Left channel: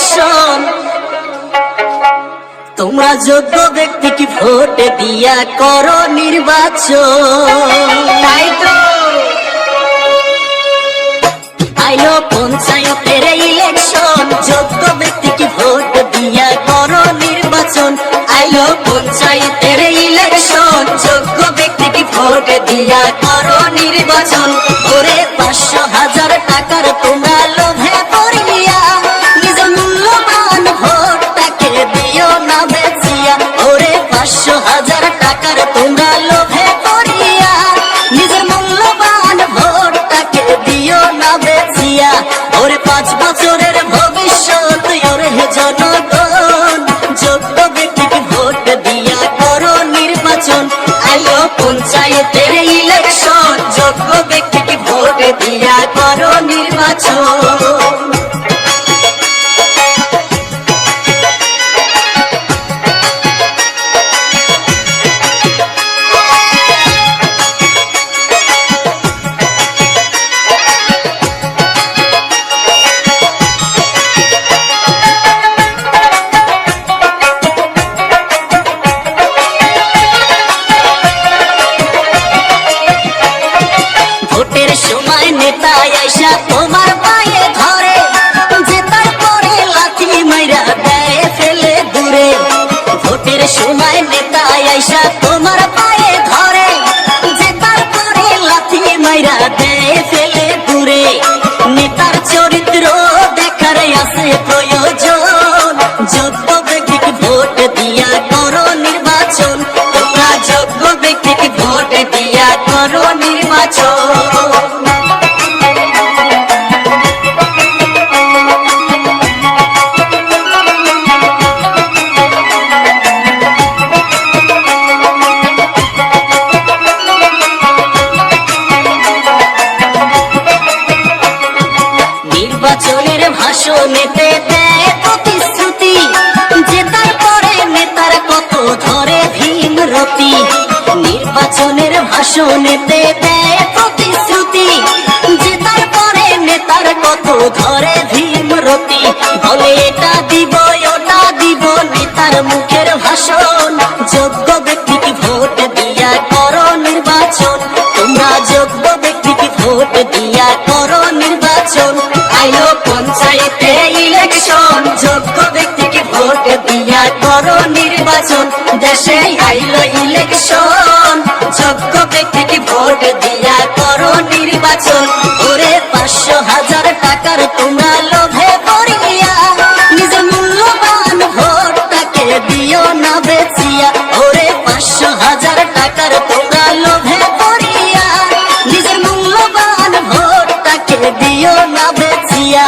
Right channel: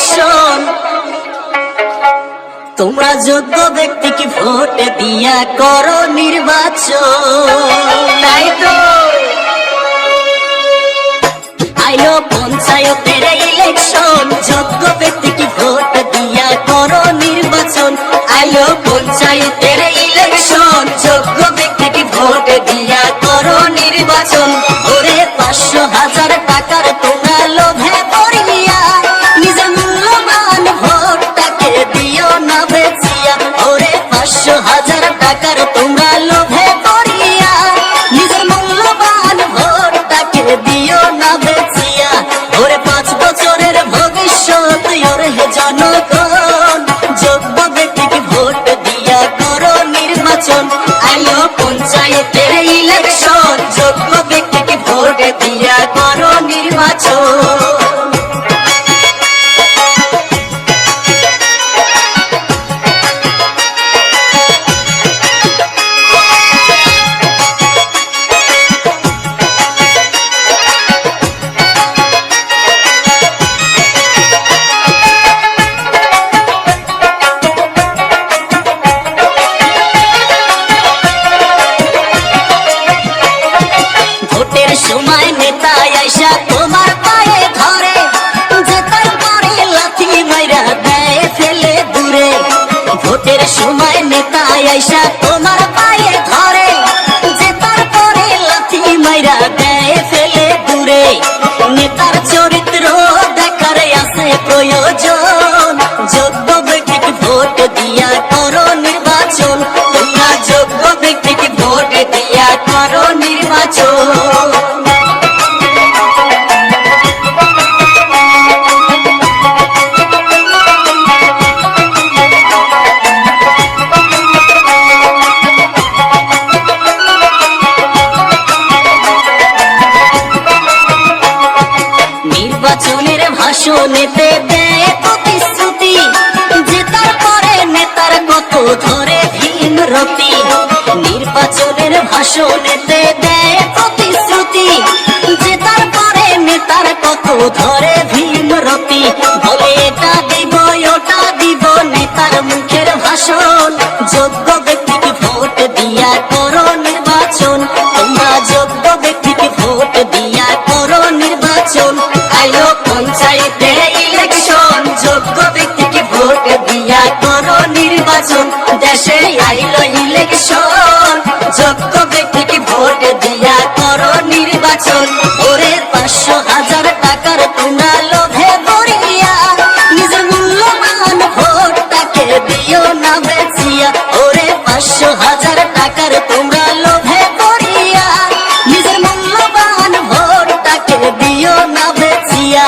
Election. তোমরা যোগ্য ব্যক্তিকে ভোট দিয়া করো নির্বাচন। তাই তো আইলো পঞ্চায়েতের ইলেকশন, যোগ্য ব্যক্তিকে ভোট দিয়া করো নির্বাচন। আইলো পঞ্চায়েতের ইলেকশন, যোগ্য ব্যক্তিকে ভোট দিয়া করো নির্বাচন। ওরে 500,000 টাকার তোমরা লোভে পড়িয়া নিজের মূল্যবান ভোটটাকে দিও না বেচিয়া। ওরে 500,000 টাকার তোমরা লোভে পড়িয়া নিজের মূল্যবান ভোটটাকে দিও না বেচিয়া। ওরে 5 বছরের ভবিষ্যৎ ওর জনগণ, যোগ্য ব্যক্তিকে ভোট দিয়া করো নির্বাচন। আইলো পঞ্চায়েতের ইলেকশন, যোগ্য ব্যক্তিকে ভোট দিয়া করো নির্বাচন। ভোটের সময় নেতা আইসা তোমার পায়ে ধরে, জেতার পরে লাথি মাইরা দেয় ফেলে দূরে। ভোটের সময় নেতা আইসা তোমার পায়ে ধরে, জেতার পরে লাথি মাইরা দেয় ফেলে দূরে। নেতার চরিত্র দেখার আছে প্রয়োজন, যোগ্য ব্যক্তিকে ভোট দিয়া করো নির্বাচন। তোমরা যোগ্য ব্যক্তিকে ভোট দিয়া করো নির্বাচন। নির্বাচনের ভাষণেতে দেয় প্রতিশ্রুতি, জেতার পরে নেতার কত ধরে ভীমরতি। নির্বাচনের ভাষণেতে দেয় প্রতিশ্রুতি, জেতার পরে নেতার কত ধরে ভীমরতি। বলে এটা দিব ওটা দিব নেতার মুখের ভাষণ, যোগ্য ব্যক্তিকে ভোট দিয়া করো নির্বাচন। তোমরা যোগ্য ব্যক্তিকে ভোট দিয়া করো নির্বাচন। আইলো পঞ্চায়েতের ইলেকশন, যোগ্য ব্যক্তিকে ভোট দিয়া করো নির্বাচন। দেশে আইলো ইলেকশন, যোগ্য ব্যক্তিকে ভোট দিয়া করো নির্বাচন। ওরে 500,000 টাকার তোমরা লোভে পড়িয়া নিজের মূল্যবান ভোটটাকে দিও না বেচিয়া। ওরে 500,000 টাকার তোমরা লোভে পড়িয়া নিজের মূল্যবান ভোটটাকে দিও না বেচিয়া।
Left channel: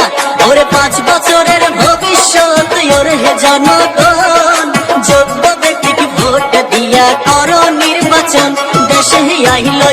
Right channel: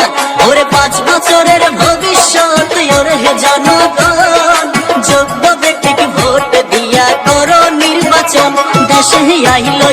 ওরে 5 বছরের ভবিষ্যৎ ওর জনগণ, যোগ্য ব্যক্তিকে ভোট দিয়া করো নির্বাচন। দেশে আইলো